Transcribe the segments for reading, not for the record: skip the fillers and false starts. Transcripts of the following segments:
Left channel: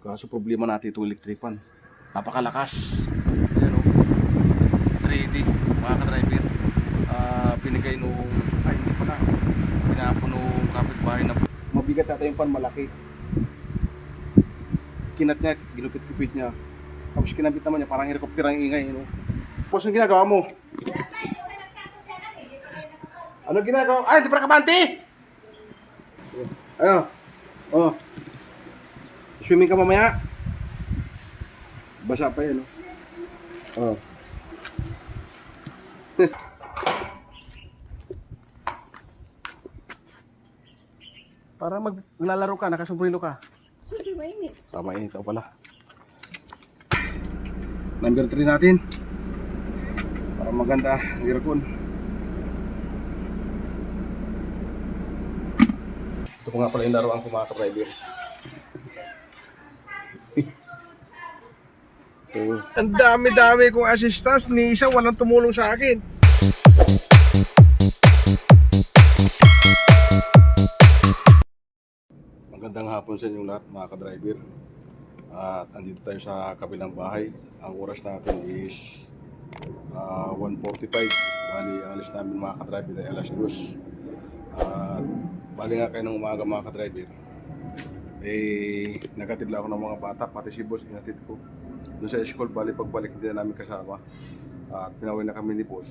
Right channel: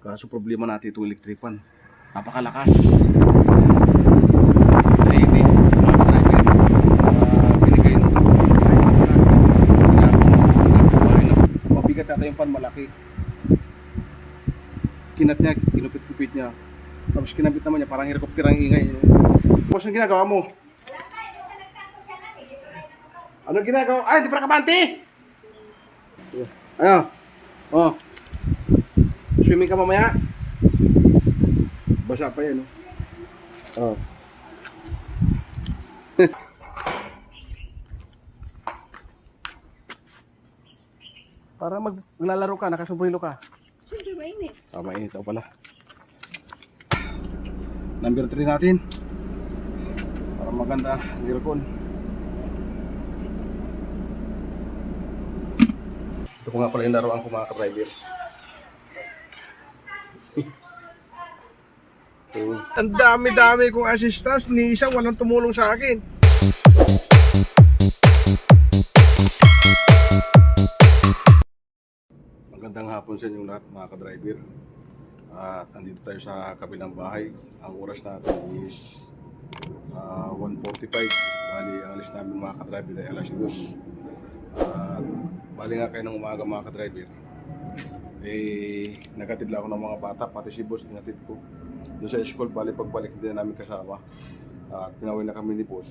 Kaso problema natin itong electric fan. Napakalakas. 3D mga ka-driver. Binigay nung kapitbahay na mabigat ata yung fan, malaki. Kinat niya, kinupit-kupit niya. Tapos kinabit naman niya, parang helicopter ang ingay. No? Boss, ang ginagawa mo? Ano ginagawa? Ay, di pa kabante! Ayun. Oh. Swimming ka mamaya. Basa pa yan, no? Oh. Para maglalaro ka, nakasumbrilo ka. Siyempre mainit. Mainit ako pala. Number 3 natin. Para maganda ang aircon. Ito ko nga pala yung laruan ko mga ka-driver. Ang dami-dami kong assistance, ni isa walang tumulong sa akin. Magandang hapon sa inyong lahat mga ka-driver. At andito tayo sa kabilang bahay. Ang oras natin is 1:45. Bali, ang alis namin mga ka-driver ay alas 2. At bali nga kayo ng umaga mga ka-driver. Nagatid lang ako ng mga bata, pati si boss inatid ko. Doon sa school, bali pagbalik hindi na namin kasama. At pinawin na kami ni boss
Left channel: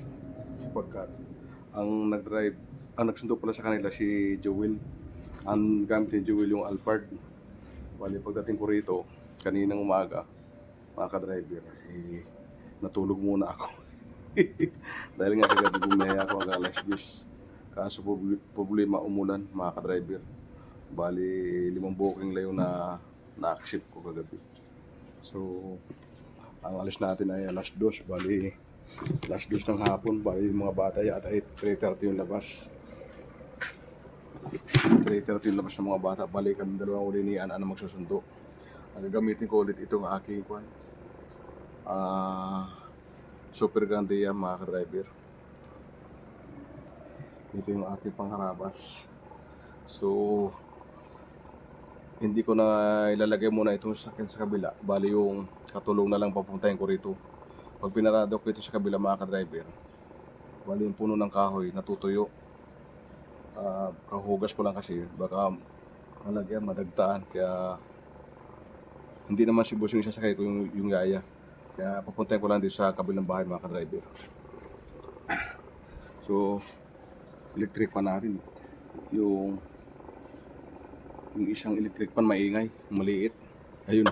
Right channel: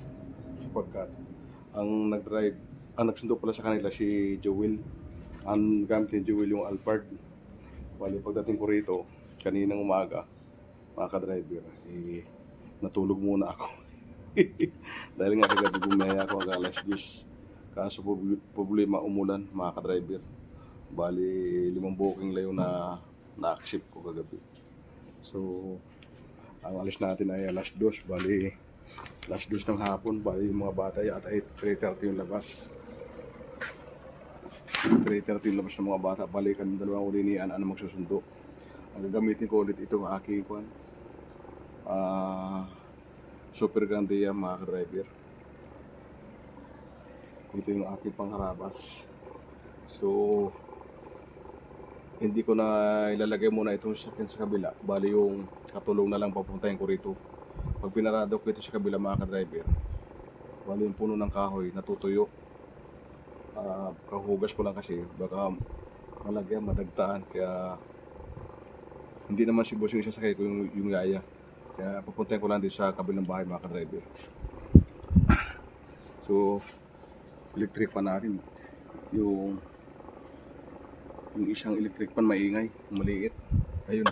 sapagkat ang nag-drive, ang nagsundo pala sa kanila si Joel. Ang gamit ni Joel yung Alphard. Bali pagdating ko rito kaninang umaga mga ka-driver, natulog muna ako. Dahil nga kagabi bumiyaya ako hanggang alas 10. Kaso problema umulan mga ka-driver. Bali 5 booking lang yung na-accept ko kagabi. So ang alis natin ay alas 2. Bali alas 2 ng hapon. Bali yung mga bata yata ay 3:30 yung labas. 3:30 yung labas ng mga bata. Bali kami dalawang uli ni Ana magsusundo. Ang gagamitin ko ulit itong aking Super Gandia mga ka-driver. Ito yung aking pangharabas. So hindi ko na ilalagay muna itong sakyan sa kabila. Bali yung katulong na lang papuntahin ko rito. Pag pinarado ko ito sa kabila mga ka-driver, bali yung puno ng kahoy natutuyo. Kahugas ko lang kasi baka malagyan, madagtaan. Kaya hindi naman si boss yung sasakay ko yung yaya. Kaya papuntahin ko lang dito sa kabilang bahay mga ka-driver. So electric pan natin. Yung isang electric pan maingay, maliit. Ayun.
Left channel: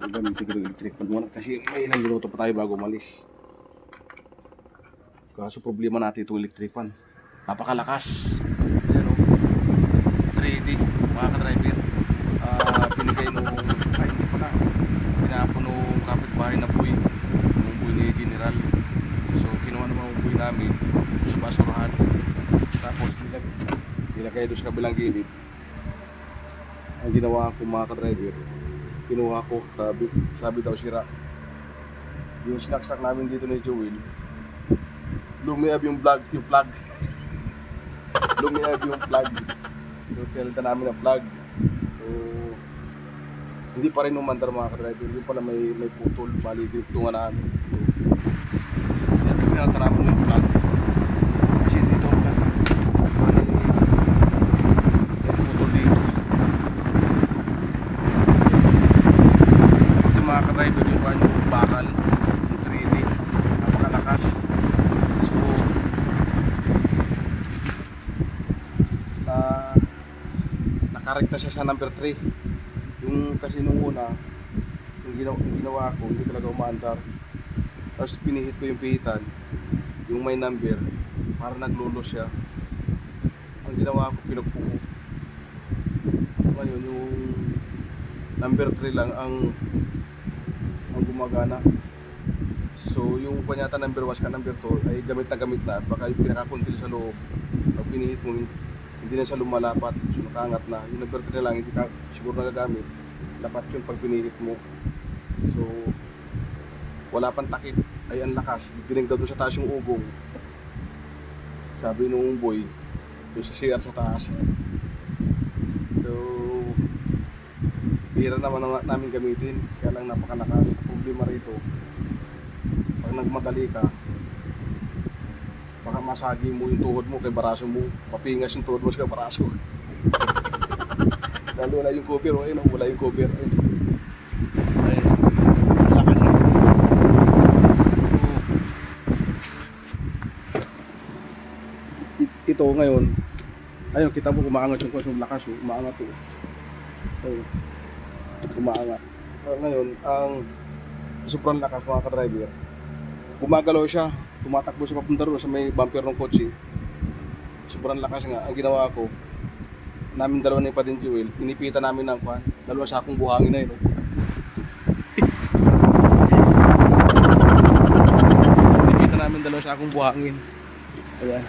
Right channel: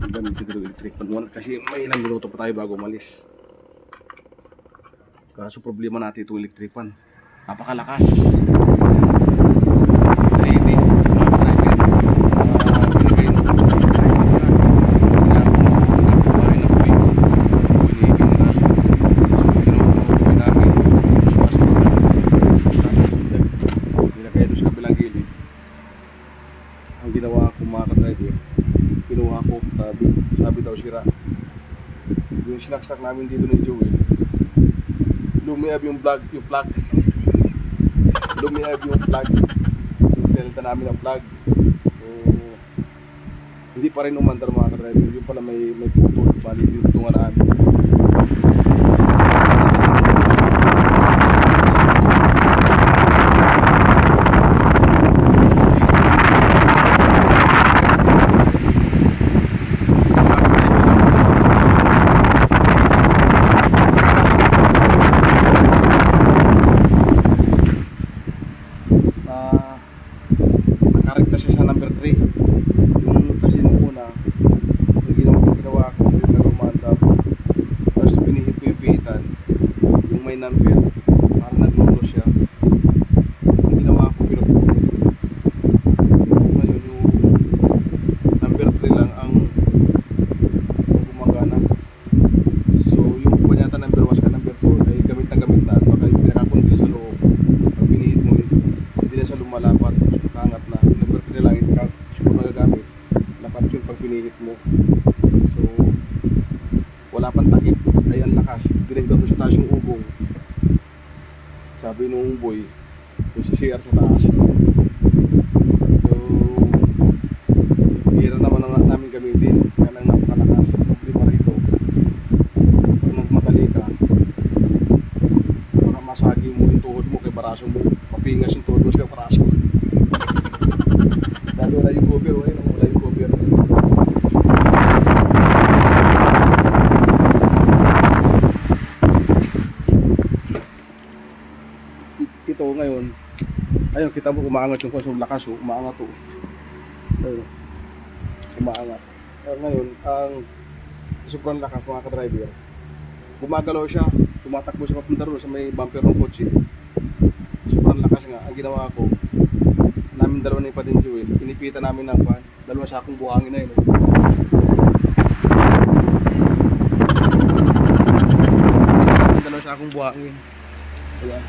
Yung gamitin ko yung electric pan muna kasi may ilang minuto pa tayo bago umalis. Kaso problema natin itong electric pan. Napakalakas. 3D mga ka-driver. Binigay nung kapitbahay na buwi ni General. So kinuha namin sa basurahan. Tapos nilagay doon sa kabilang gilid. Ang ginawa ko mga ka-driver, kinuha ko, sabi daw sira. Yung sinaksak namin dito ni Joel, lumiab yung plug. Lumiab yung plug. So pinalitan namin ang plug. So hindi pa rin umandar mga ka-driver. Yung pala may putol, bali tinungan namin. Nakarekta siya sa number 3. Yung kasi nung una, yung ginawa ko, hindi talaga umandar. Tapos pinihit ko yung pihitan, yung may number, para naglulo siya. Ang ginawa ko, pinupulong. Ngayon yung number 3 lang ang gumagana. So yung kanyata number 1 sa number 2 ay gamit na. Baka yung pinakakundil sa loob, pag pinihit mo, hindi na siya lumalapat. Angat na, yung number 3 lang hindi ka siguro nagagamit, lapat yun pag pinihit mo. So wala pang takip, ay ang lakas, dinigdaw doon sa taas yung ugong. Sabi nung boy doon sa CR sa taas. So bihira naman namin gamitin. Kaya lang napakalakas. Problema rito, pag nagmadali ka, baka masagi mo yung tuhod mo kay baraso mo. Mapingas yung tuhod mo sa baraso. Dahil wala yung cover, wala yung cover. Ito ngayon, ayun, kita mo umaangat yung konsum lakas, umaangat to. Ayun, umaangat. Ngayon, ang sobrang lakas mga ka-driver, gumagalaw siya, tumatakbo siya papunta ron sa may bumper ng kotse. Sobrang lakas nga. Ang ginawa ko, namin dalawa ng Padin Jewel, pinipitan namin ng pan, dalawang sakong buhangin na yun. Pinipitan namin dalawang sakong buhangin. Ayan.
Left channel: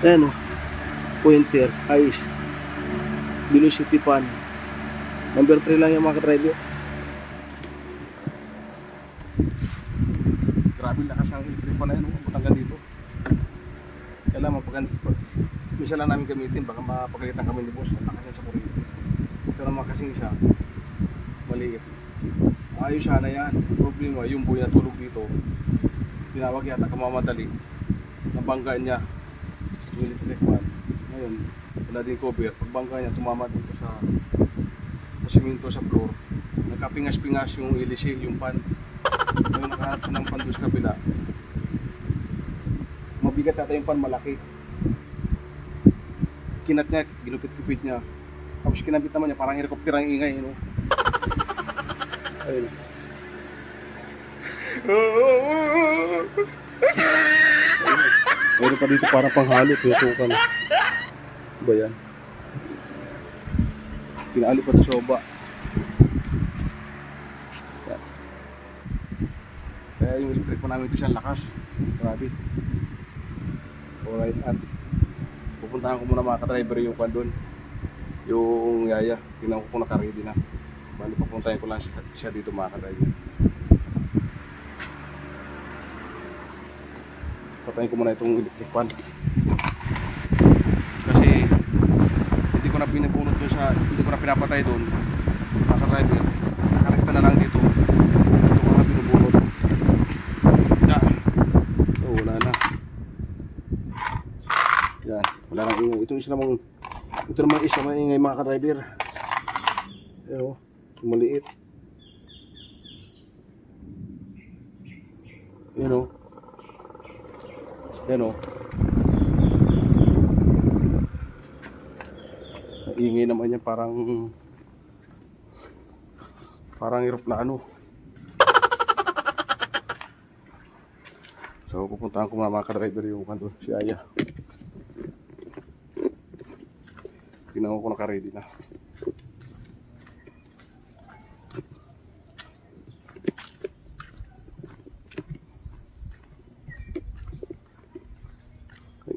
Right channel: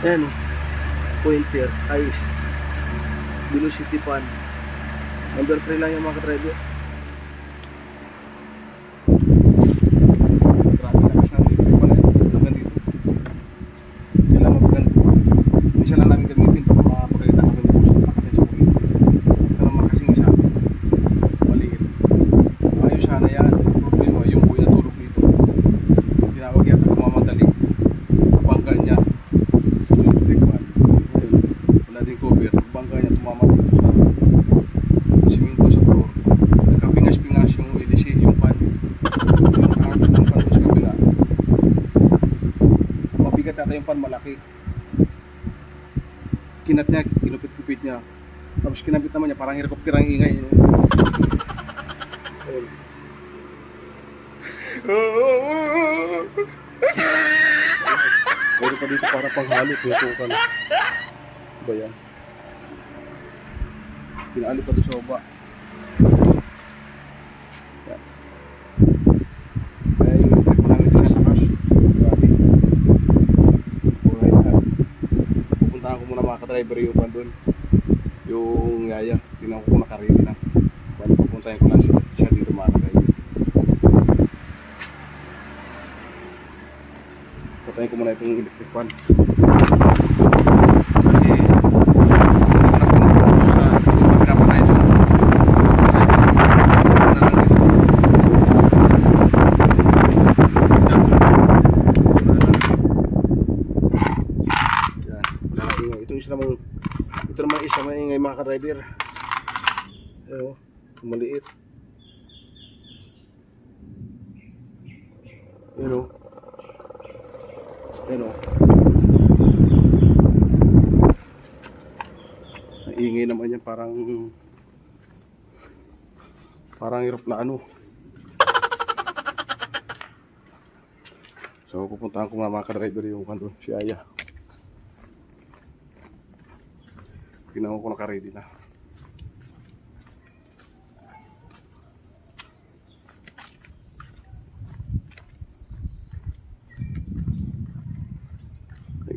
Ayan o, pointer, ice, velocity pan. Number 3 lang yung mga ka-driver. Grabe lakas ng electric pan na yun, hanggang dito. Kailangan mapaganda. Minsan lang namin gamitin, baka mapagalitan kami ni boss. Lakas yan sa kuryente. Ito naman kasing isa, maliit. Ayos sana yan. Problema, yung boy natulog dito. Tinawag yata kamamadali. Nabangga niya. Ngayon, wala din cover. Pagbangga niya, tumama dito sa siminto sa floor. Nagkapingas-pingas yung ilisi, yung pan. Yung kanan ng pan doon sa kabila. Mabigat yata yung pan, malaki. Kinat niya, kinupit-kupit niya. Tapos kinabit naman niya, parang helicopter ang ingay. No? Ayun. Meron pa dito para panghalo, tutukan. Ba yan? Pinalo pa ito sa baba. Yan. Kaya yung electric mo namin kasi ang lakas. Grabe. Pura yan. Pupuntahan ko muna mga ka-driver yung pan doon. Yung yaya. Tingnan ko kung nakarili na. Bali papuntahin ko lang siya dito mga ka-driver. Patayin ko muna itong electric pan. Kasi hindi ko na pinapatay ito. Ito na lang dito. Yan, wala lang ingay. Ito namang isa maingay mga ka-driver. Ayo, maliit. Yan o. Yan o. Naingay naman yan, parang eroplano. So pupuntahan ko mga ka-driver yung kanto, si Aya. Tingnan ko naka-ready na.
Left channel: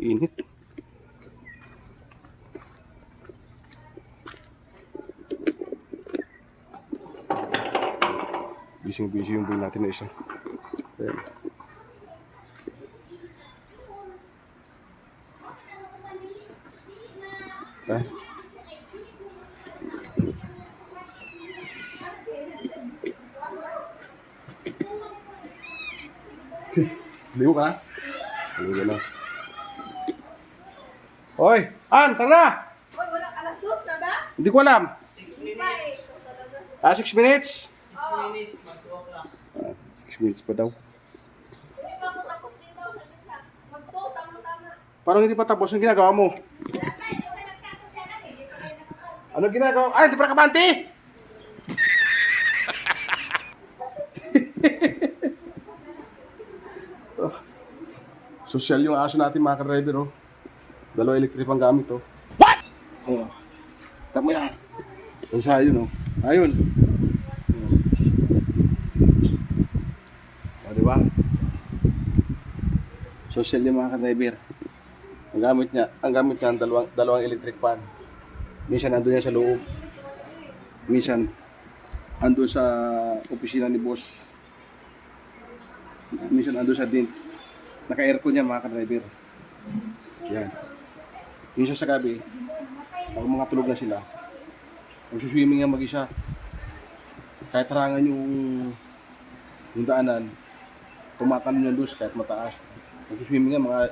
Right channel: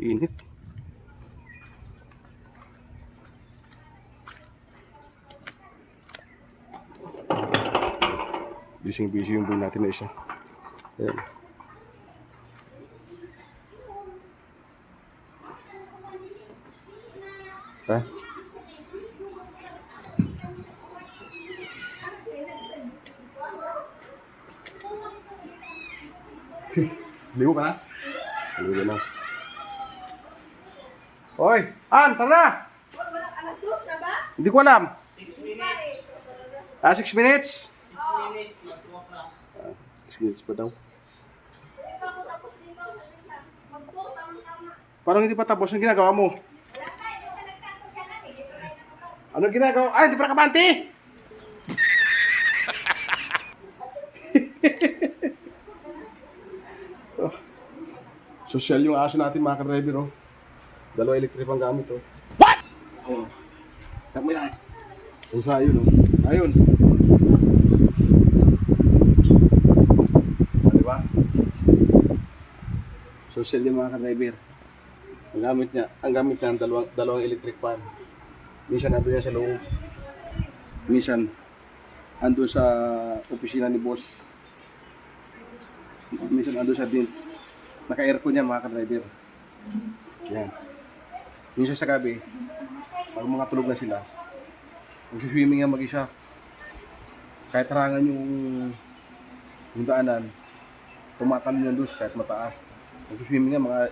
Init. Busy yung buhay natin na isa. Ayan. Ha? Ligo ka na? Ligo na. Hoy! An! Tara na! Alas 2 na ba? Hindi ko alam. 6 minutes? 6 minutes pa daw. Parang hindi pa tapos. Anong ginagawa mo? Anong ginagawa? Ay, hindi pa nakabante! Oh, social yung aso natin mga ka-driver. Oh. Dalawa electric ang gamit. Oh. What? Oh. Tama yan. Ang sayo, no? Ayun. O, diba? Social yung mga ka-driver. Ang gamit niya ang dalawang electric fan. Minsan nandun yan sa loob. Minsan andun sa opisina ni boss. Minsan andun sa din. Naka-aircon yan mga ka-driver. Yan. Minsan sa gabi, pag mga tulog na sila, Magsuswimming yan mag-isa. Kahit harangan yung daanan, tumatalon yan doon kahit mataas. Magsuswimming yan mga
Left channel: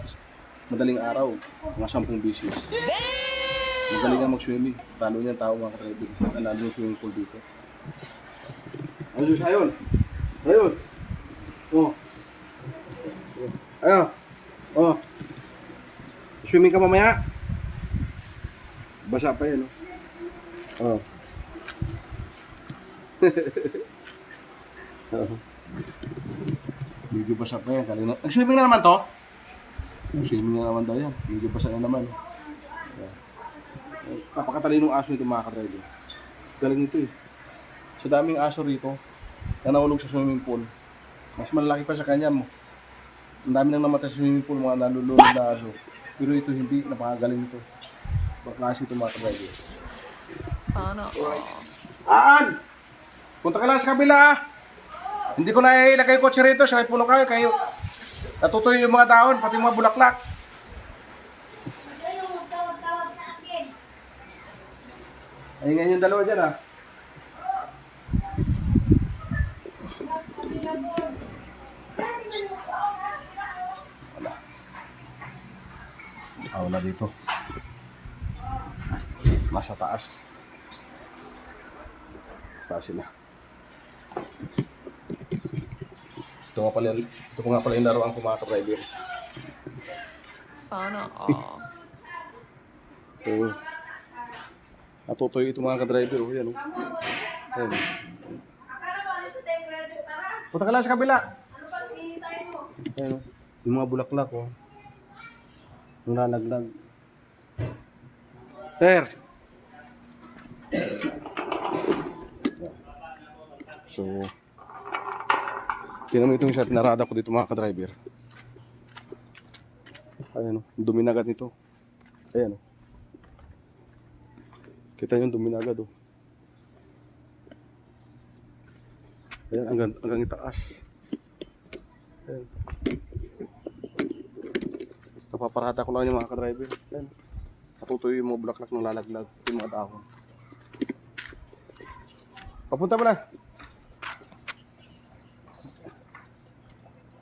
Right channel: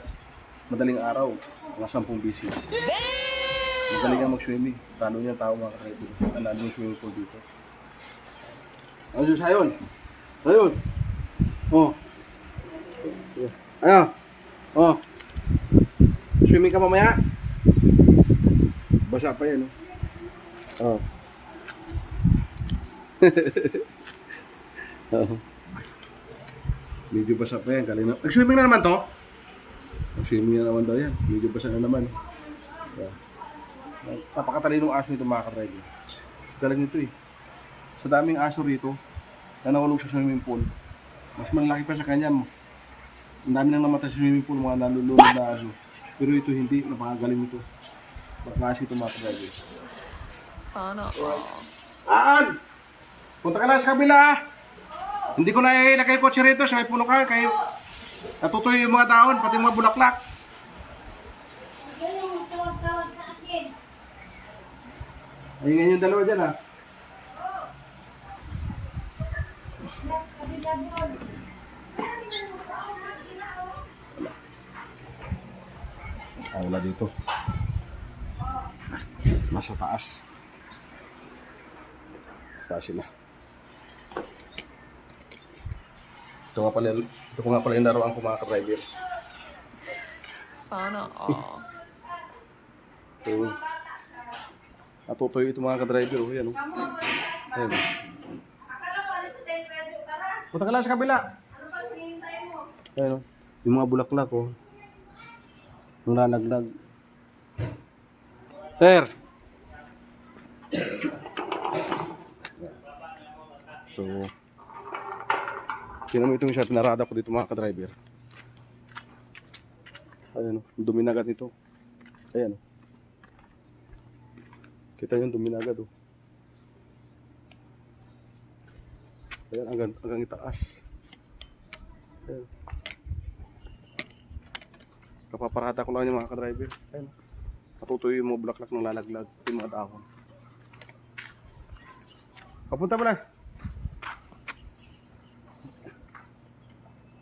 madaling araw, mga 10 bisis. Magaling nga mag-swimming. Talo niyan tao mga ka-driver. Nandun yung swimming pool dito. Ano siya sayon? Sayon! Oh. Ayan. Oh. Swimming ka mamaya? Basa pa yan, oh. Oh. Medyo basa pa yan. Kalina. Nag-swimming na naman to? Nag-swimming na naman daw yan. Medyo basa na naman. Yeah. Napakatalinong aso nito mga ka-driver. Galing nito eh. Sa daming aso rito na nahulog sa swimming pool, mas malaki pa sa kanya mo. Ang dami nang namatay sa swimming pool, mga nalulunod na aso. Pero ito hindi, napakagaling nito. Baklase ito mga ka-driver. Sana all. Aan! Punta ka lang sa kabila ah! Hindi ko na ilagay kotse rito, sa may puno kayo, kayo natutuloy yung mga dahon, pati yung mga bulaklak. Kayo, tawag-tawag sa akin. Ayun yung dalawa dyan ah. Wala dito. Nasa taas. Taas sila. Ito ko nga pala yung laruan ko mga ka-driver. Sana all. So, natutoy ito mga ka-driver. Oh, yan oh. Ayan. Akala mo, alis sa tayo, tara. Punta ka lang sa kabila. Ano pang hinihintay mo? Ayan oh. Yung mga bulaklak oh. Nananaglag. Sir! So, tingnan mo itong shot, narada ko dito mga ka-driver. Ayan o, dumi na agad nito. Ayan o. Kita yung dumi na agad o. Ayan, hanggang itaas. Ayan. Kapaparada ko lang yung mga ka-driver. Ayan. Natutuyo yung mga bulaklak ng lalaglag. Yung mga dahon. Papunta mo na.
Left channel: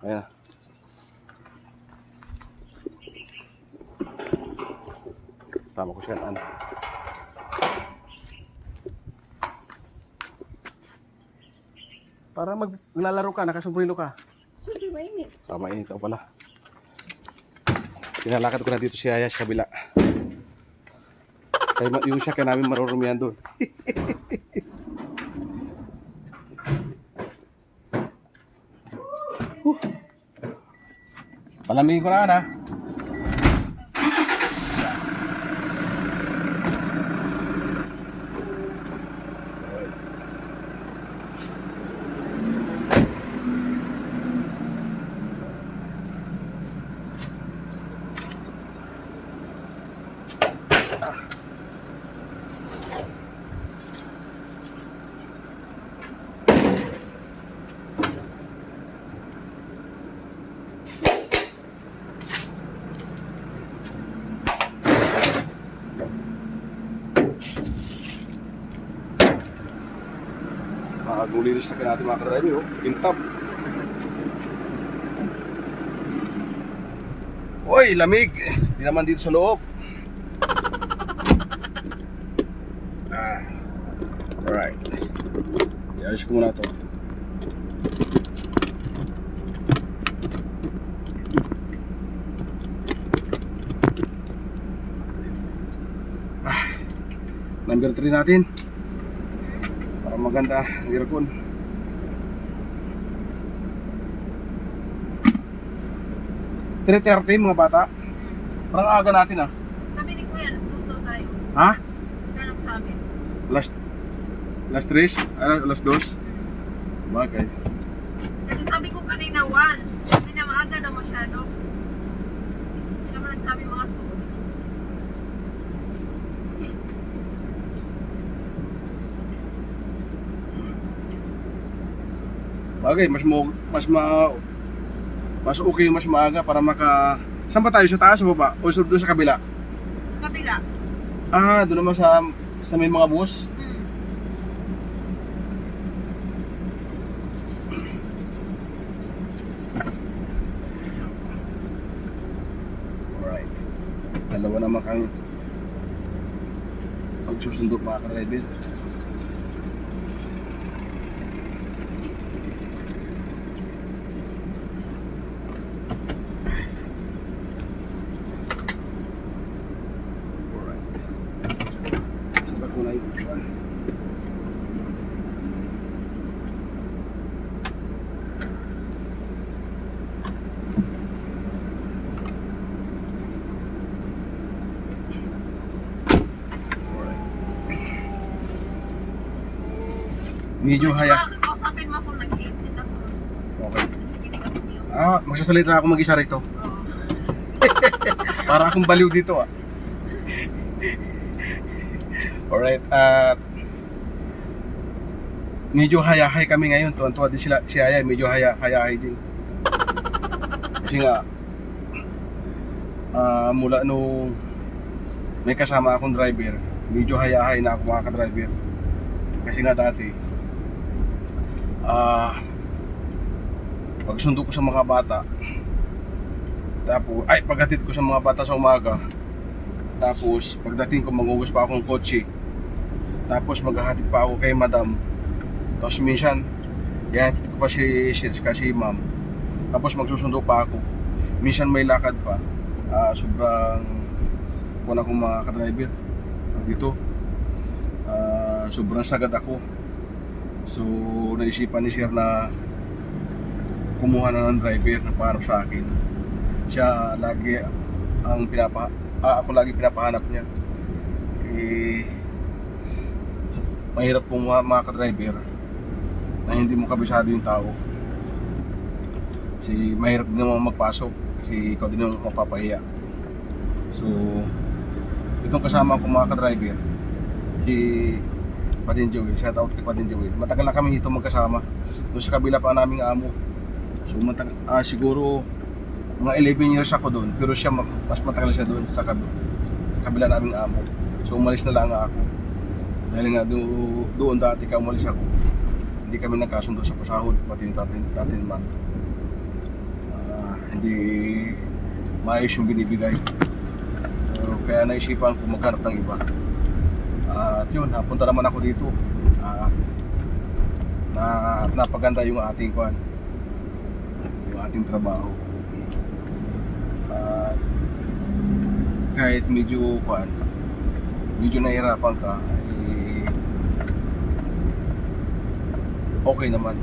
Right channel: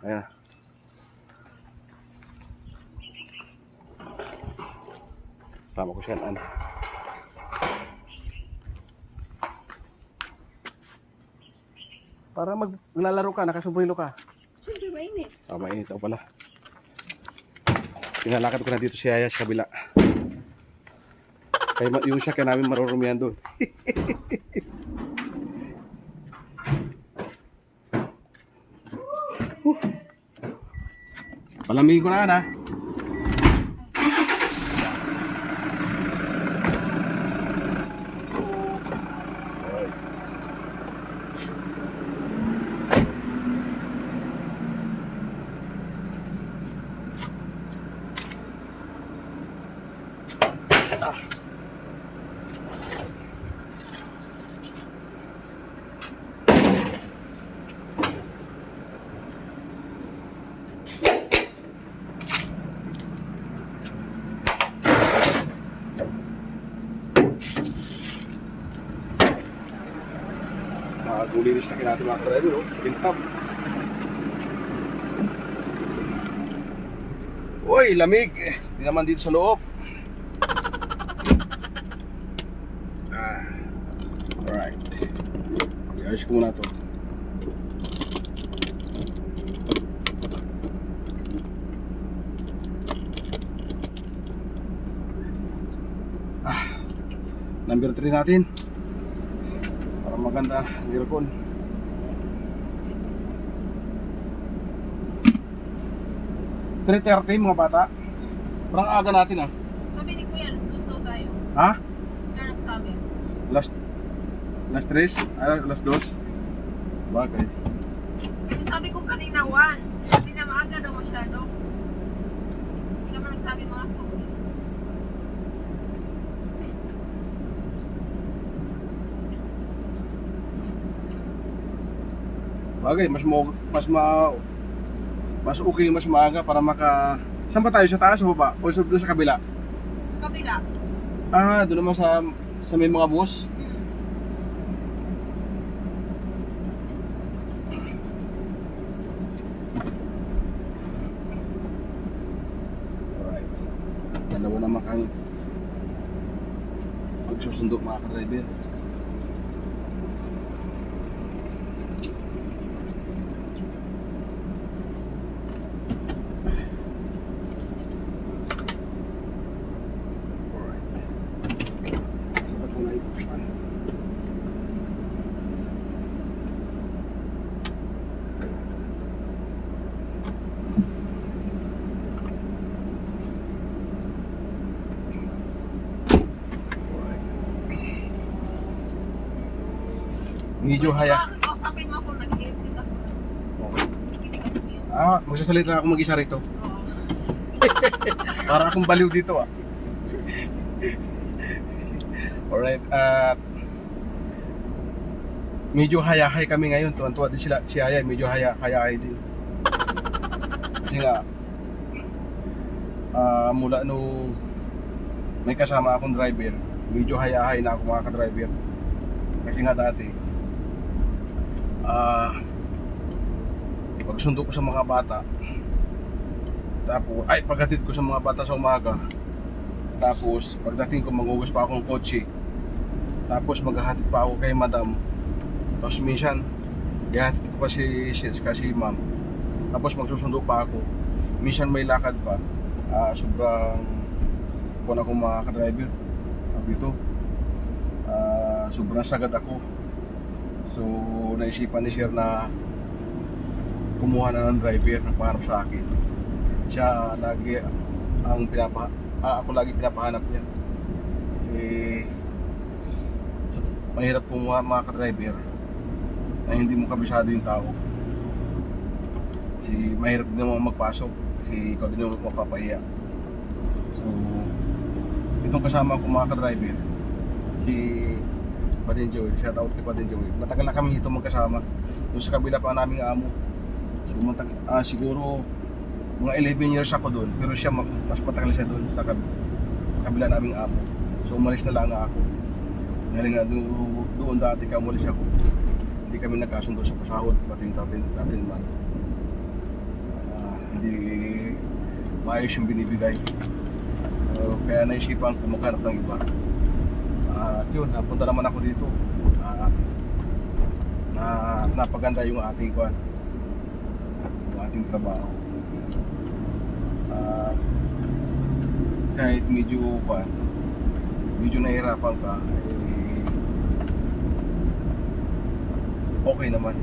Ayan. Sama ko siya na. Para maglalaro ka, nakasumbrilo ka. Siyempre, mainit. Mainit ako pala. Pinalakad ko na dito si Aya sa kabila. Kaya yung siya kaya namin marurumihan doon. Palamigin ko na yan ha. Gulinis na natin mga ka-driver, oh. Pintab. Uy, lamig. Hindi naman dito sa loob. Alright. I-ayos ko muna ito. Number 3 natin. Para maganda ang aircon. $3.30 mga bata. Parang aga natin ah. Sabi ni Kuya, alas 2 daw tayo. Ha? Kaya nagsabi. Last 3? Last 2? Bagay. Kasi sabi ko kanina 1. Sabi na maaga daw masyado. Hindi naman nagsabi mga 2. Bagay, mas okay, mas maaga para maka... Saan ba tayo? Sa taas o baba? O doon sa kabila? Sa kabila. Ah, doon naman sa may mga bus. Dalawa naman kami pagsusundo mga ka-driver. Sabi ko na ibuksan. Medyo haya. Kausapin mo kung nag-headset ako. Okay. Hindi ka tumiyos. Magsasalita ako mag-isa rito. Oo. Para akong baliw dito Alright, at medyo hayahay kami ngayon. Tuwan-tuwa din sila, si Aya, medyo hayahay din. Kasi nga, mula nung may kasama akong driver, medyo hayahay na ako mga ka-driver. Kasi nga dati, pagsundo ko sa mga bata, tapos, paghatid ko sa mga bata sa umaga, tapos pagdating ko maghugas pa akong kotse, tapos maghahatid pa ako kay madam, tapos minsan ihatid ko pa si ma'am, tapos magsusundo pa ako, minsan may lakad pa. Sobrang kung ako mga ka-driver dito, sobrang sagad ako. So naisipan ni sir na kumuha na ng driver na paharap sa akin. Siya lagi ang ako lagi pinapahanap niya. Mahirap kung mga ka-driver na hindi mo kabisado yung tao. Mahirap din naman magpasok. Ikaw din naman mapapahiya. So itong kasama ko mga ka-driver, si Patin Joey, shout out kay Patin Joey. Matagal na kami dito magkasama. Doon sa kabila pa naming amo. So siguro mga 11 years ako doon, pero siya mas matagal siya doon sa kabila naming amo. So umalis na lang ako. Dahil nga doon dati ka umalis ako, hindi kami nagkasundo sa pasahod, pati yung 13 month. Hindi maayos yung binibigay. Kaya naisipan ko maghanap ng iba. At yun, napunta naman ako dito. Napaganda yung ating trabaho. Kahit medyo nahihirapan ka, okay naman.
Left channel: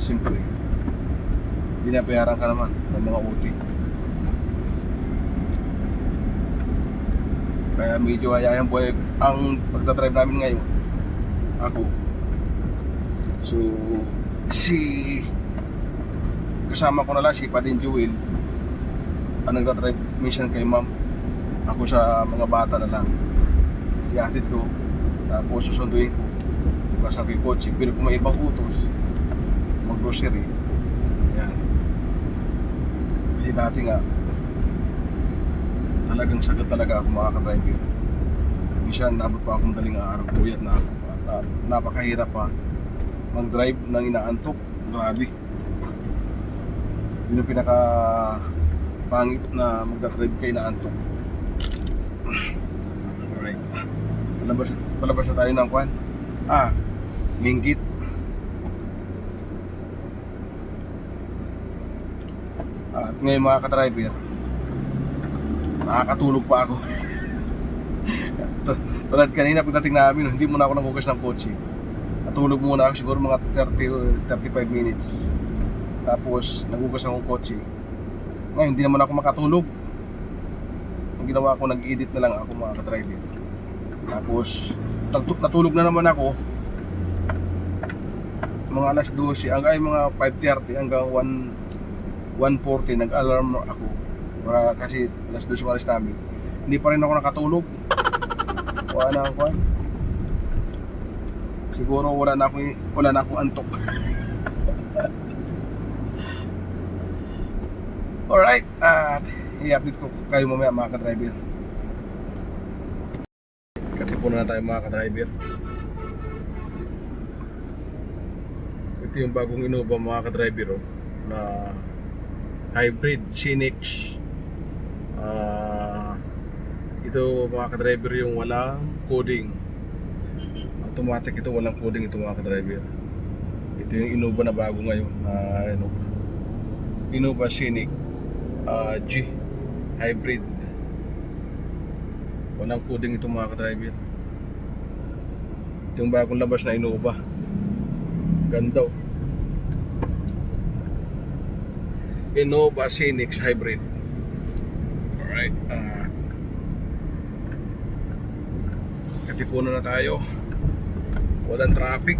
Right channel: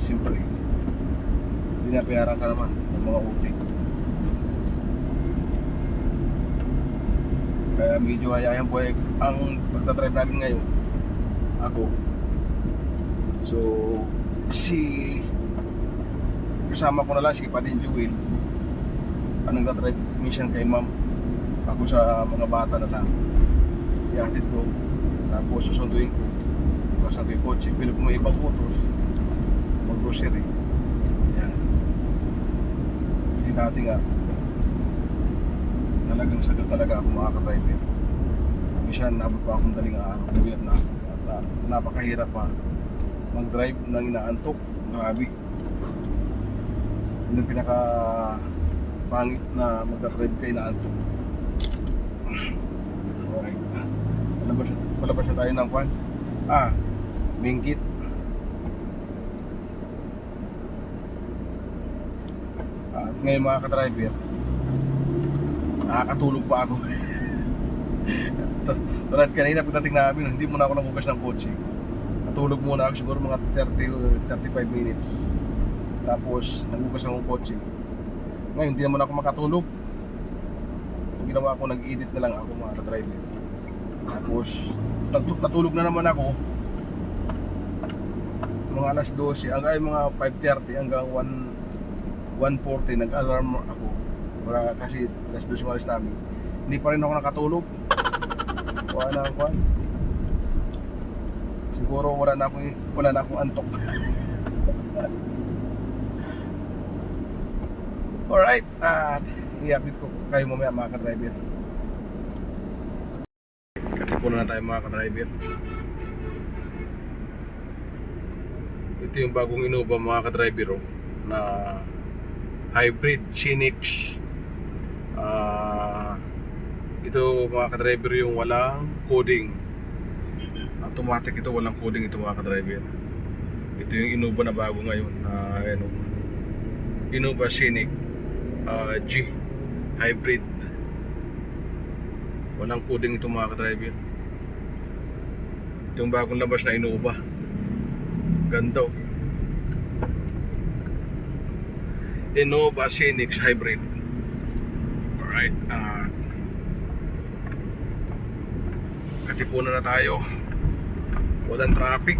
Siyempre, binabayaran ka naman ng mga uti. Kaya medyo hayayang buhay ang pagdadrive namin ngayon. Ako. So, kasama ko na lang si Patin Jewel. Ang nagdadrive minsan kay ma'am. Ako sa mga bata na lang. Ihatid ko. Tapos susunduin ko. Pasang kay kotse. Pero kung may ibang utos, mag-grocery. Yan. Kasi dati nga, talagang sagad talaga ako mga ka-driver. Minsan nabot pa akong daling araw, buyat na ako. At napakahirap pa mag-drive nang inaantok. Grabe. Yun yung pinaka pangit na magdadrive ka inaantok. Alright. Palabas na tayo ng kwan. Minggit. At ngayon mga ka-driver, nakakatulog pa ako. Tulad kanina pagdating namin, hindi muna ako nagugas ng kotse. Natulog muna ako siguro mga 30-35 minutes. Tapos nagugas akong kotse. Ngayon hindi naman ako makatulog. Ang ginawa ko, nag-edit na lang ako mga ka-driver. Tapos natulog na naman ako mga alas 12 hanggang mga 5:30 hanggang 1:40 nag-alarm ako. Kasi alas 12 alas namin, hindi pa rin ako nakatulog. Wala na ako. Siguro wala na akong antok. Alright, i-update ko kayo mamaya mga ka-driver. Katipunan na tayo mga ka-driver. Ito yung bagong Innova mga ka-driver na hybrid Scenic Ito mga ka-driver yung walang coding. Automatic ito, walang coding ito mga ka-driver. Ito yung Innova na bago ngayon. Innova Scenic G Hybrid. Walang coding ito mga ka-driver. Ito yung bagong labas na Innova. Ganda oh. Innova Scenic Hybrid. Alright, katipunan na tayo. Walang traffic.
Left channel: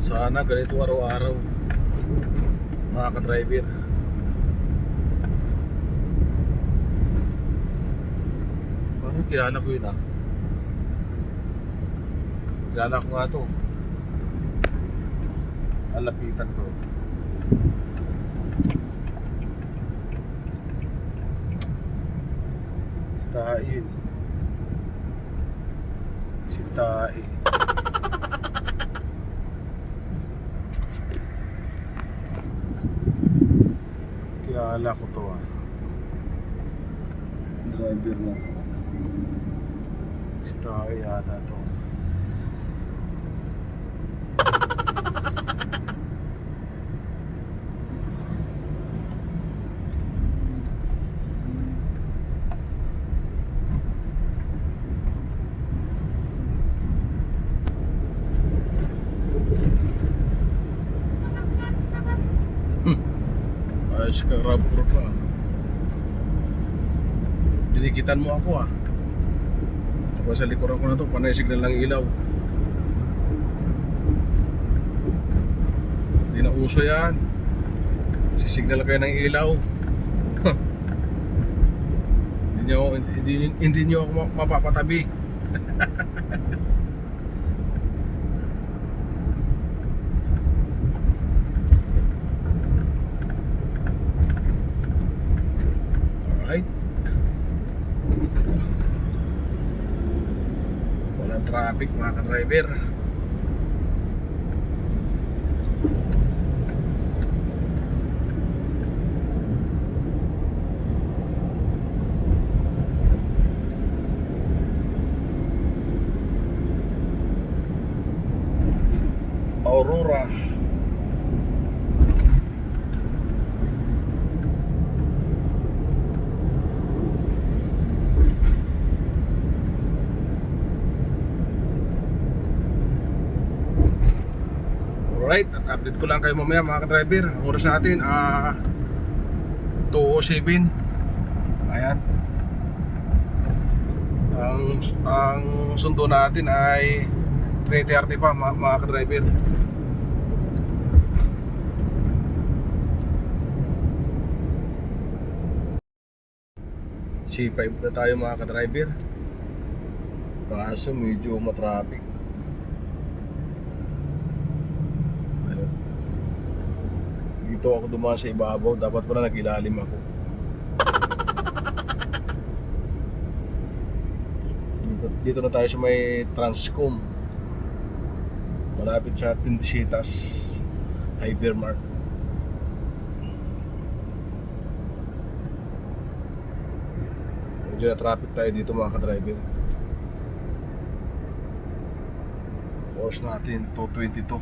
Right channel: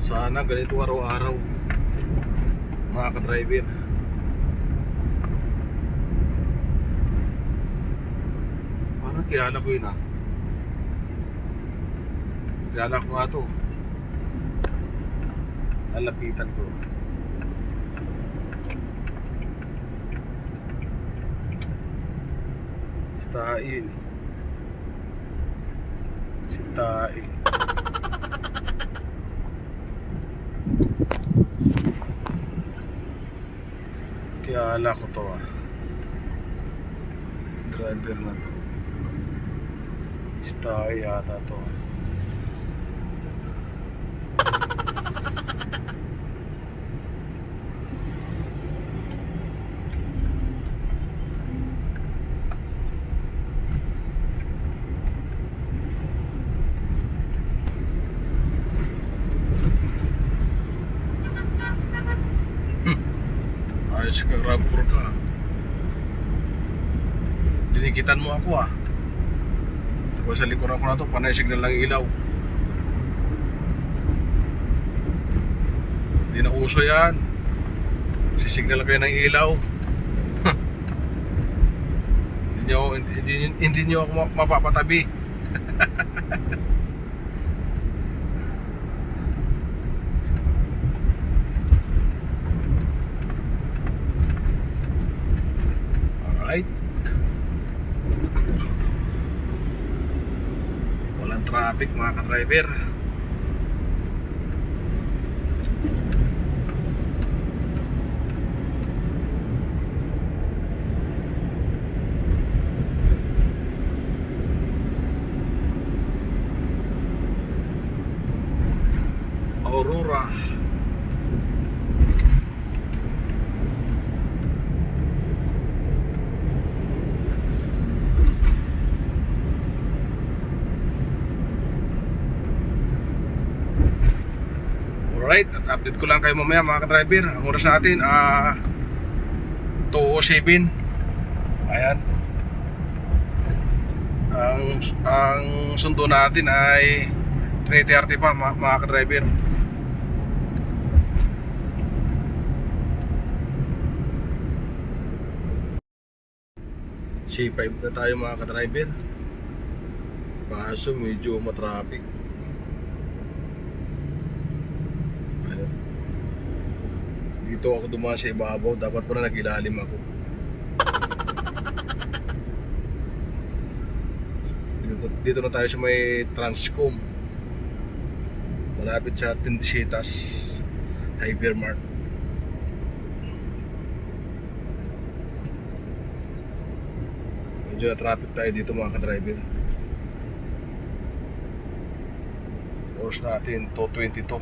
Sana ganito araw-araw mga ka-driver. Parang kilala ko yun ah. Kilala ko nga to. Alapitan ko. Si Tae yun eh. Si Tae. Kilala ko to ah. Driver na to. Stay yata to. Ayos ka, rapor ka. Dinikitan mo ako ah. Tapos sa likuran ko na to, panay signal lang ilaw. Hindi na uso yan. Sisignal kayo ng ilaw. Hindi nyo ako mapapatabi. Alright. Walang traffic mga ka-driver. Aurora. Alright, update ko lang kayo mamaya mga ka-driver. Ang oras natin 2:07. Ayan. Ang sundo natin ay 3:30 pa mga ka-driver. C5 na tayo mga ka-driver. Kaso medyo matraffic. Dito ako dumaan sa ibabaw, dapat pala nag-ilalim ako. Dito na tayo sa may Transcom, malapit sa Tindisitas Hypermart. Medyo na traffic tayo dito mga ka-driver. Oras natin 2:22.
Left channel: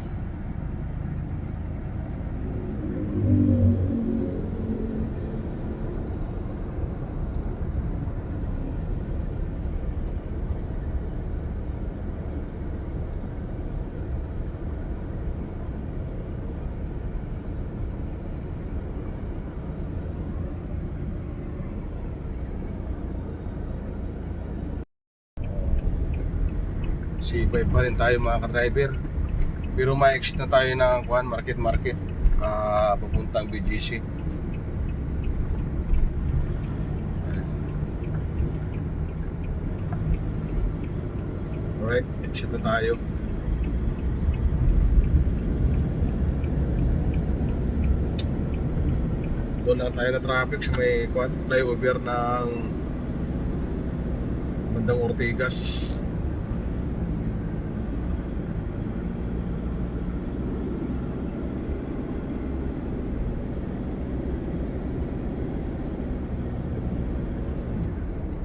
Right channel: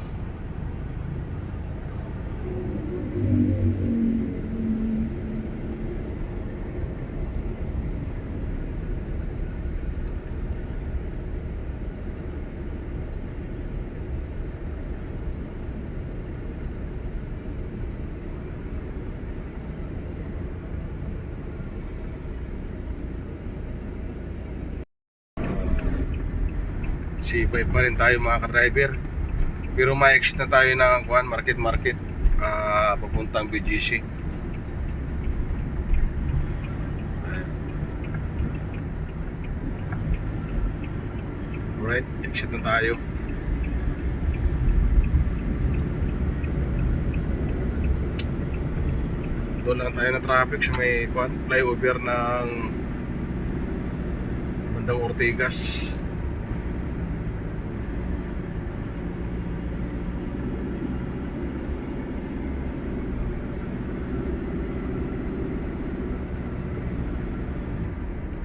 C5 pa rin tayo mga ka-driver. Pero ma-exit na tayo ng market papuntang BGC. Ayan. Alright, exit na tayo. Doon lang tayo na traffic sa may flyover ng bandang Ortigas.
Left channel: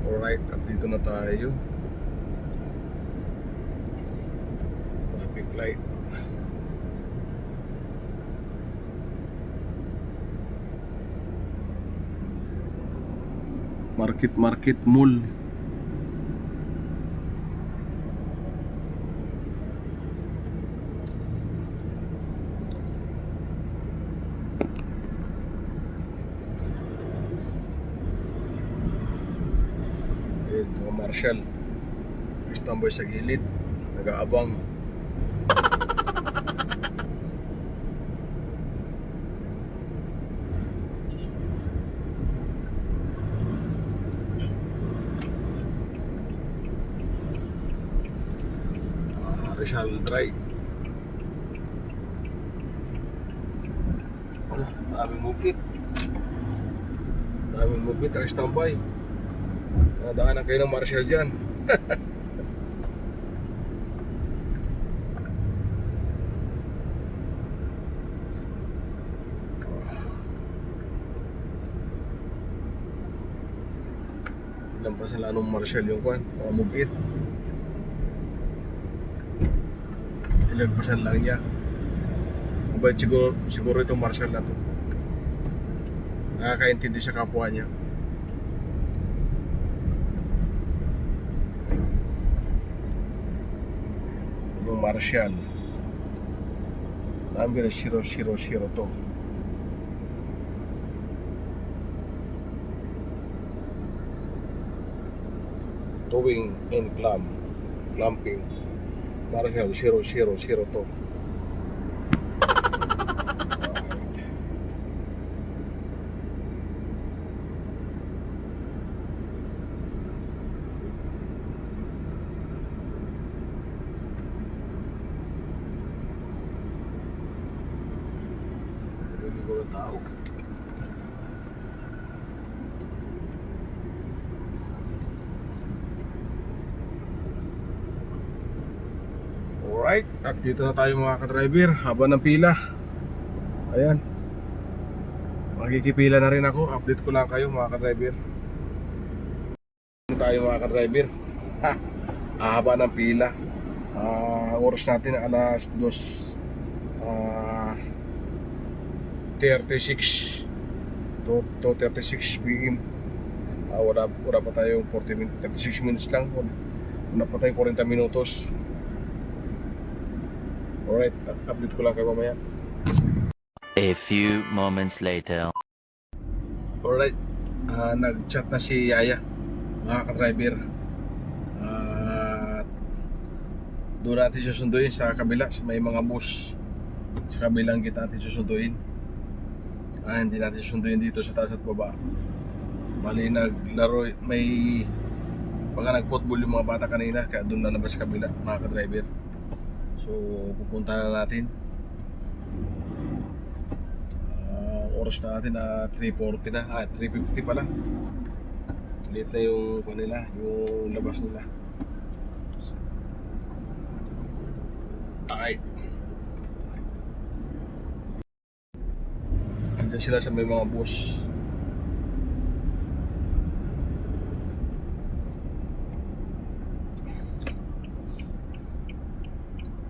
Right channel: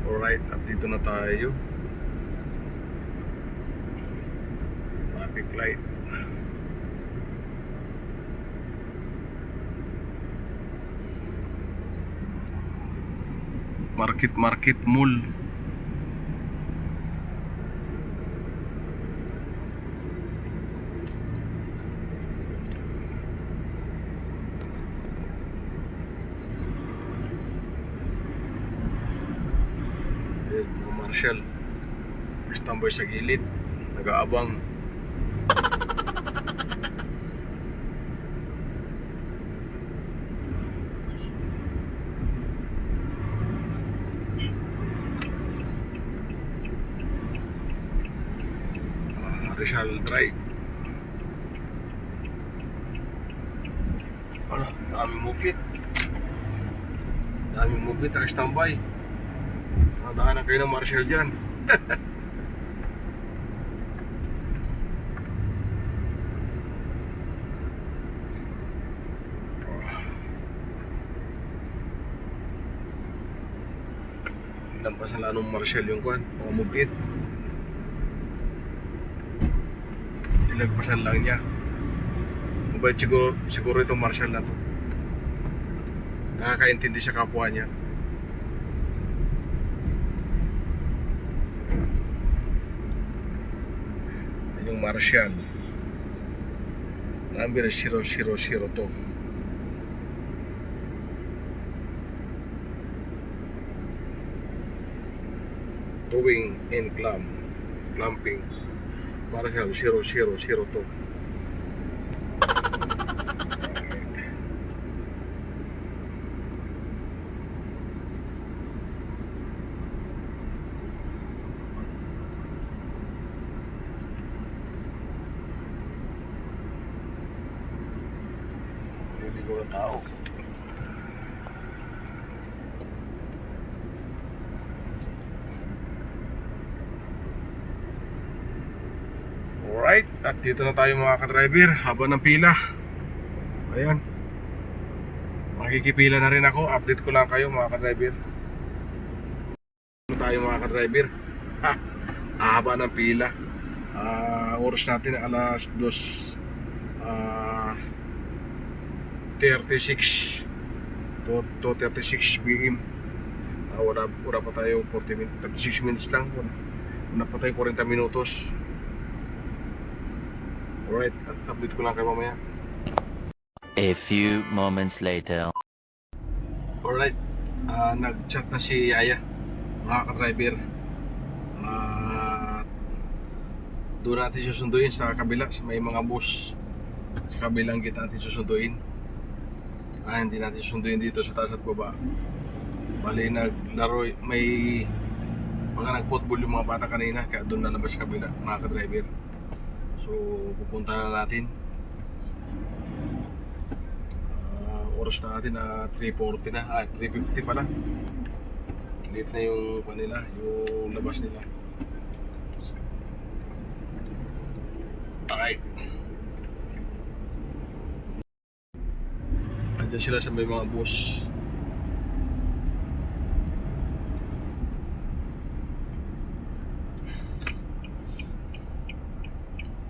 Alright, at dito na tayo. Traffic light. Market Mall. Ayun, mga marshal. Tambay sa gilid. Nag-aabang. Rizal Drive. Wala, daming mupit. Daming mupit ang standby. Nadaanan kayo ng marshal dyan. Ilang pa sa lanong marshal yung kwan, mga mupit. Ilagpasan lang niya. Mabait siguro itong marshal na to. Nakakaintindi sa kapwa niya. Yung marshal number 000 to. Towing and clamping. Marshal 000 to. Naliligaw na tao. Alright, at dito na tayo mga ka-driver. Haba ng pila. Ayan. Makikipila na rin ako. Update ko lang kayo mga ka-driver. Dito tayo mga ka-driver. Haba ng pila. Oras natin alas 2:36 to 36 PM. Wala pa tayo 36 minutes lang. Wala pa tayo 40 minutos. Alright, update ko lang kayo mamaya. A few moments later. Alright, nag-chat na si Yaya, mga ka-driver. Doon natin susunduin sa kabila, may mga bus sa kabilang gate natin susunduin. Hindi natin susunduin dito sa taas at baba. Bali naglaro, may baka nag-football yung mga bata kanina, kaya doon lalabas sa kabila mga ka-driver. So pupunta na natin. Oras na natin na 3:40 na, 3:50 pala. Late na yung kanila, yung labas nila. Alright. Andiyan sila sa may mga bus.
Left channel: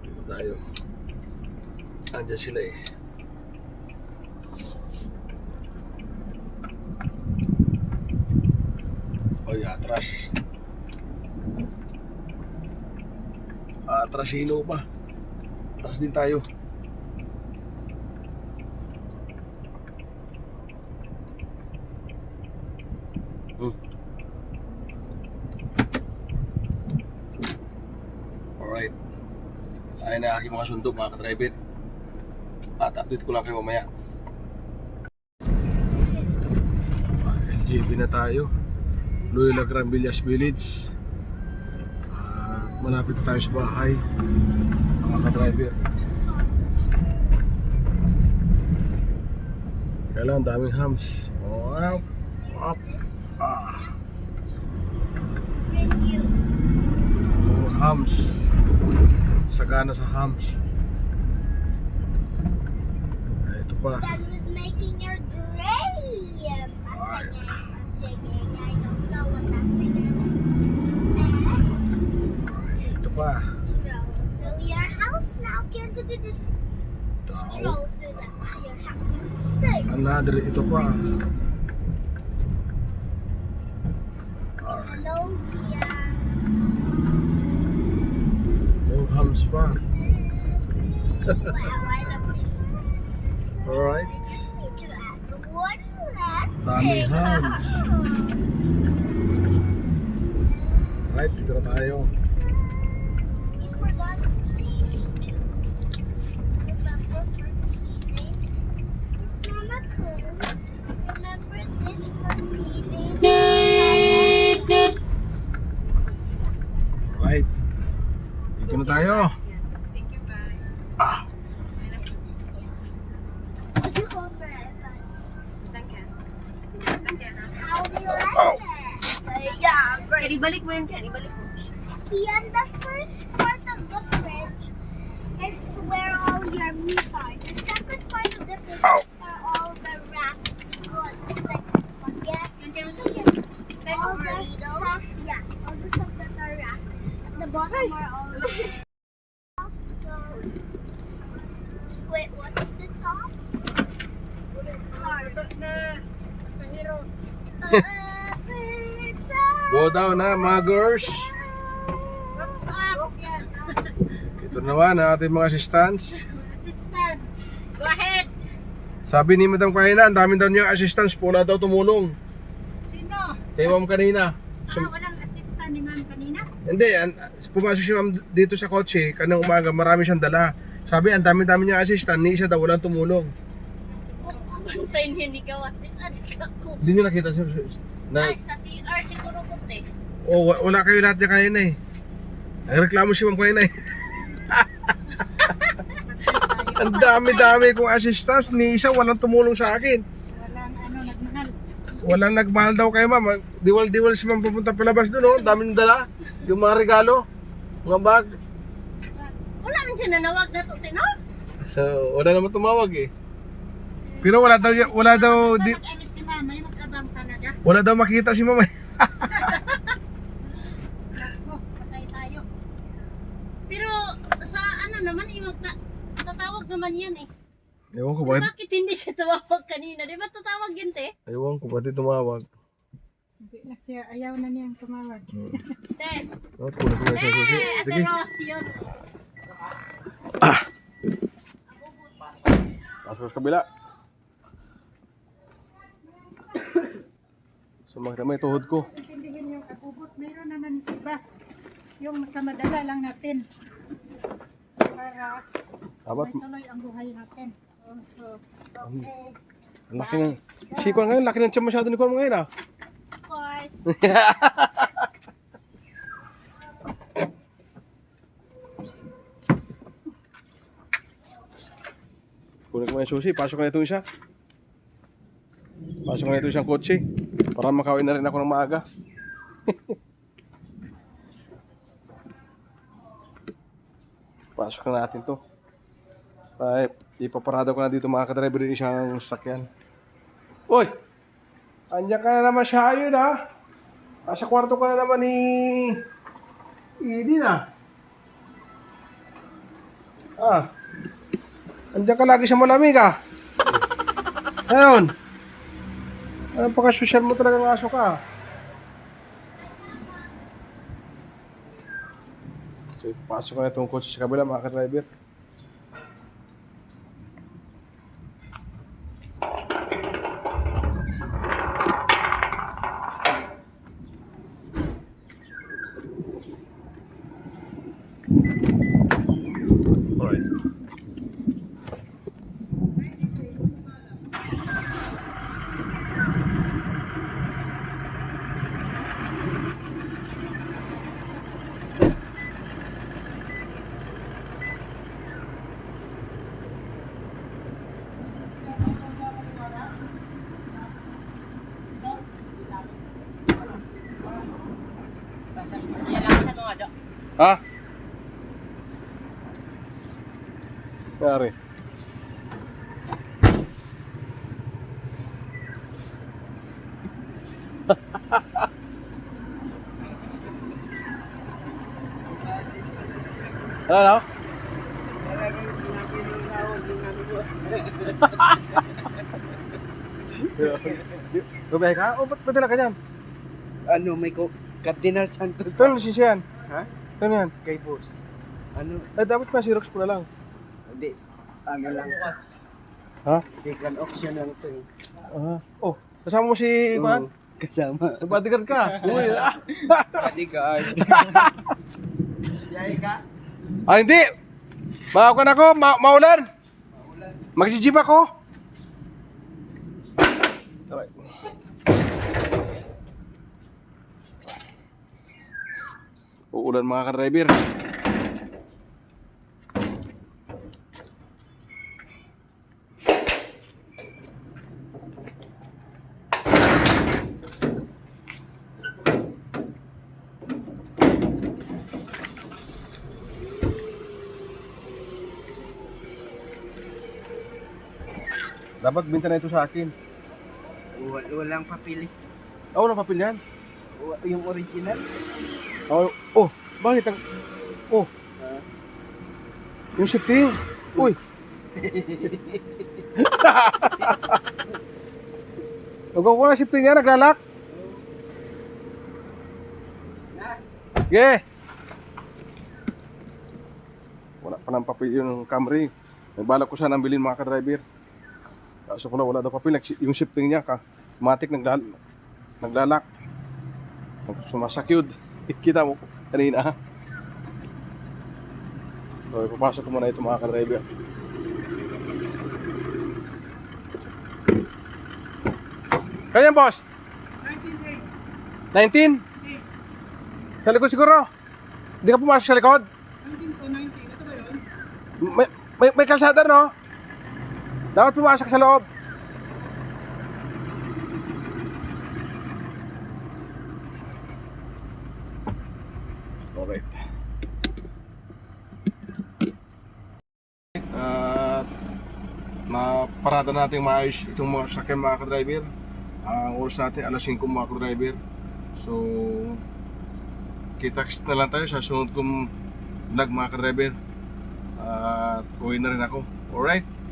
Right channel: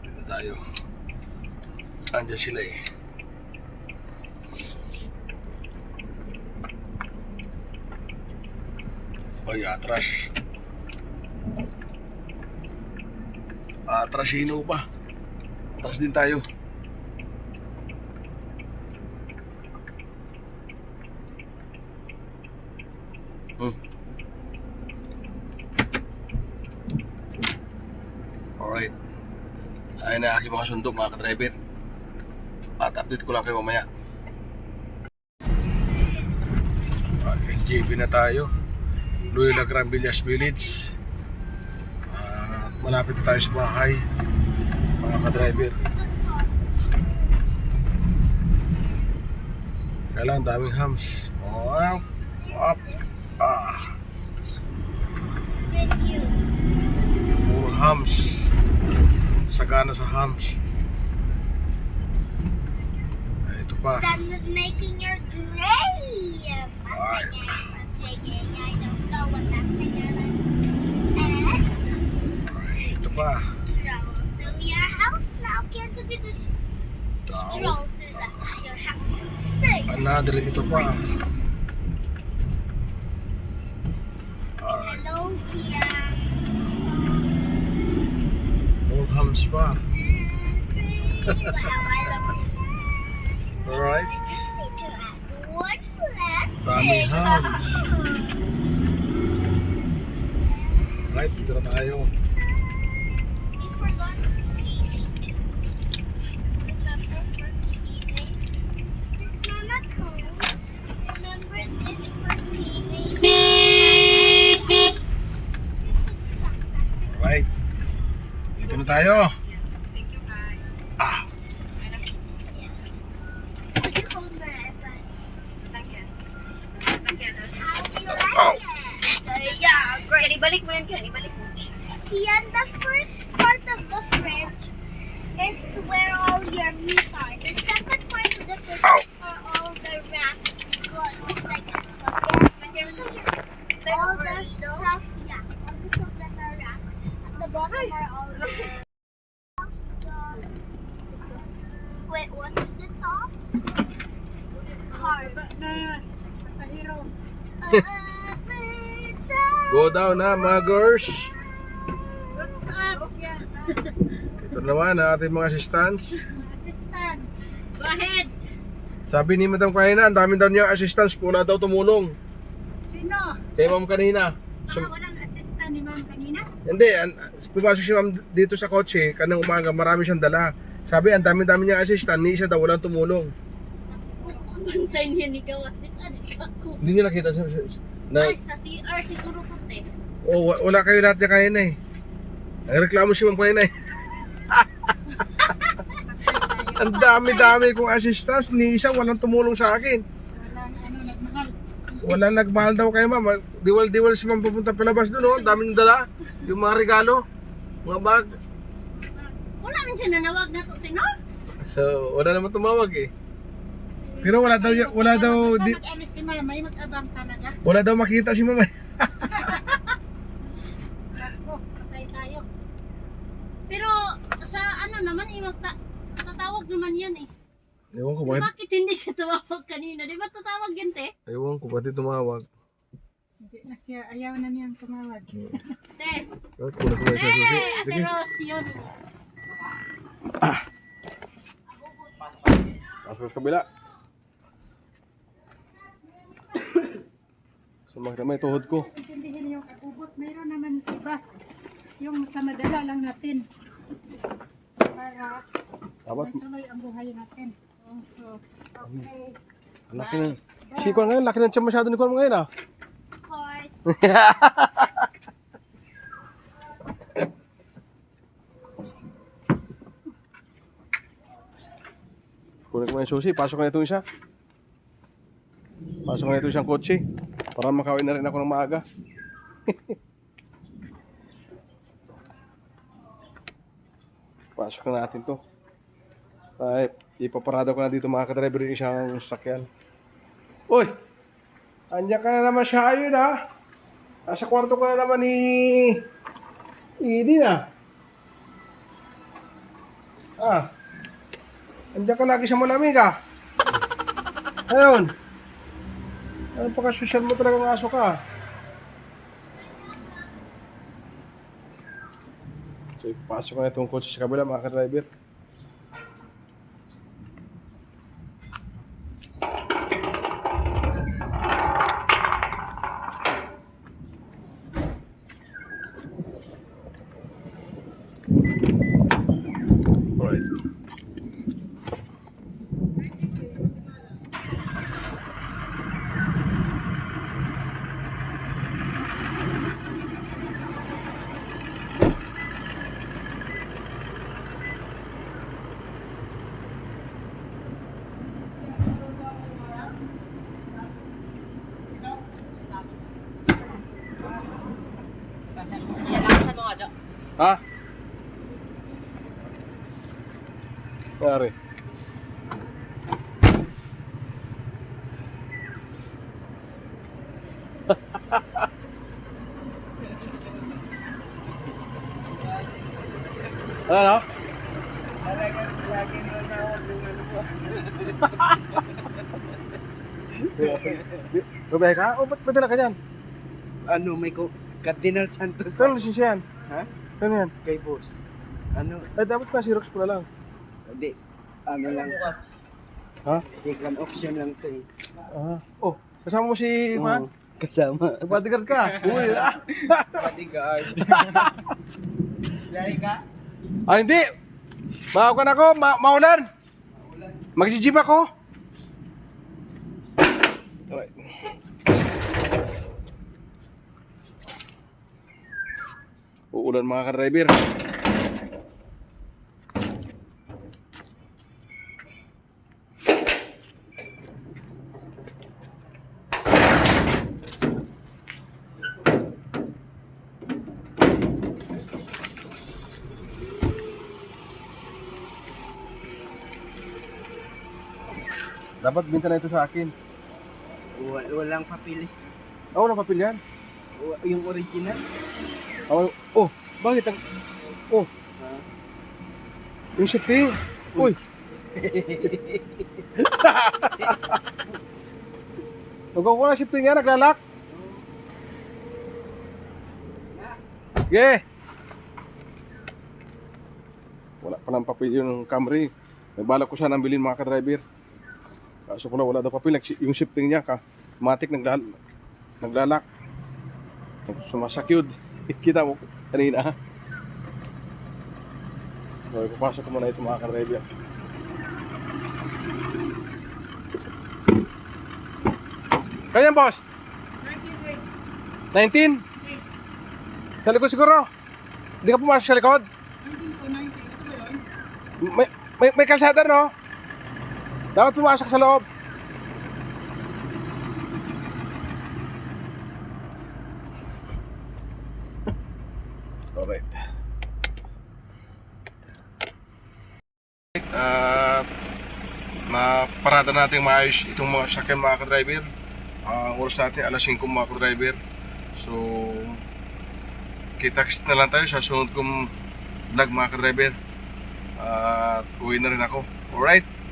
Dito tayo. Andiyan sila eh. Oy, atras. Atrasino pa. Atras din tayo. Alright. Ayun na aking mga sundo mga ka-driver. At update ko lang kayo mamaya. LJB na tayo. Loyola Grand Villas Village. Malapit na tayo sa bahay mga ka-driver. Kailangan daming hams. Up, up, ah. Puro hams. Sagana sa hams. Ay, ito pa. Done with making your dream. Alright. I don't know what that figure is. Ay, ito pa. Stroll through your house now. Can't you just stroll through your house and sing? Another, ito pa. Alright. Hello, Kia. More hams pa. Wow, I love this. Alright. Need to add one last Daming thing. hams. Alright, dito na tayo. We forgot these two. Remember for cleaning? This Mama Cone. Remember this for cleaning? Alright. Dito na tayo. Thank you, bye. Would you hold my iPad? Lagyan. Lagyan, ha? How do you like Oh. it? Yeah, great. Kenny, balik mo yun, Kenny. Balik mo. Kian, the first part of the fridge is where all your meat are. The second part of the fridge are all the wrapped goods, like spaghetti, all the stuff, yeah, all the stuff that are wrapped. At the bottom are all wait, what is the top? Cards. Sa hero. Go down na mga girls. What's up? Ito naman ang ating mga assistants. Assistant. Go ahead. Sabi ni Madam kanina, ang dami daw niyang assistants. Wala daw tumulong. Sino? Kay Ma'am kanina. Walang assistant ni ma'am kanina? Hindi, pumasok si Ma'am dito sa kotse. Kanang umaga, marami siyang dala. Sabi, ang dami-dami niyang assistant. Ni isa daw, walang tumulong. Bantayin niya ni Gawas. This adik ako. Hindi niyo nakita siya. Ay, sa CR siguro po te. Wala kayo lahat niya kaya na eh. Nagreklamo si Ma'am kanina eh. Ang dami-dami kong assistants. Ni isa, walang tumulong sa akin. Walang nagmahal. Walang nagmahal daw kay Ma'am. Diwal-diwal si Ma'am pupunta palabas doon. Oh. Ang dami niyang dala. Yung mga regalo. Mga bag. Wala man siya nanawag na to, no? So, wala naman tumawag eh. Pero wala daw Mag-alis si ma'am, may mag-abang talaga. wala daw makita si Ma'am. Nako, patay tayo. Pero sa ano naman, tatawag naman yan eh. Ewan ko Pero bakit. bakit hindi siya tumawag kanina? Di ba tatawag yan te? Ewan ko bakit tumawag. Hindi na siya, ayaw na niyang tumawag. Te, Kunin ko na siya susi. Ate Sige. Ros, yun. Pasok sa kabila. Sumakit na may tuhod ko. Intindihin yung abubot, mayroon naman iba. Yung sa madala lang natin. Para Dapat, may tuloy ang buhay natin. Okay. laki na. Siko ngayon, laki ng tiyan masyado ni Kuan ngayon ah. Of course. Kunin ko na yung susi. Pasok na ito isa. Pasok na ito isang kotse. Para makawin na rin ako ng maaga. Pasok na natin to. Ay, ipaparada ko na dito mga kadriver yung isang sasakyan. Uy! Andiyan ka na naman siya yun ha. Nasa kwarto ka na naman ni Edie na. Andiyan ka lagi sa malamig ah. Ayun. Ano pa ka-social mo talagang aso ka? So, ipasok na itong kotse sa kabila mga ka-driver. Alright. Ha? Yari. Ano? Babae ka? O, ba't dala ka dyan? Ano, may Cardinal Santos Ano lisensya yan? Ha? Ano yan? Kay boss. Ano, Ay, dapat pa Xerox mo na lang. hindi. Ano lang. Ha? Second option lang to eh. Oh, kasama mo si Juan? Oo, kasama. Bodyguard ka. Uy, ah. Bodyguard. Yay ka? Ah, hindi. Maawakan ako, maulan. Magsijib ako. Alright. Uulan mga ka-driver. Dapat binta na ito sa akin. Walang papilis. Oh, walang papel yan. Yung original. Oh, bakit ang... Oh. Yung shifting. Uy. Huwag ko na shifting yan, naglalak. Yeah. Wala pa ng papel yung Camry. May balak ko sana bilhin mga ka-driver. Kaso pala wala daw papel. Yung shifting niya, matik naglalak. Sumasakyod. Kita mo kanina ha. So ipapasok ko muna ito mga ka-driver. Kaya boss? 19? Sa likod siguro? Hindi ka pumasok sa likod? May kalsada no? Dapat pumasok sa loob. Alright. Maparada natin maayos itong mga sakyan mga ka-driver. Ang oras natin alas 5 mga ka-driver. So kita-kits na lang tayo sa sunod kong vlog mga ka-driver. At uwi na rin ako. Alright.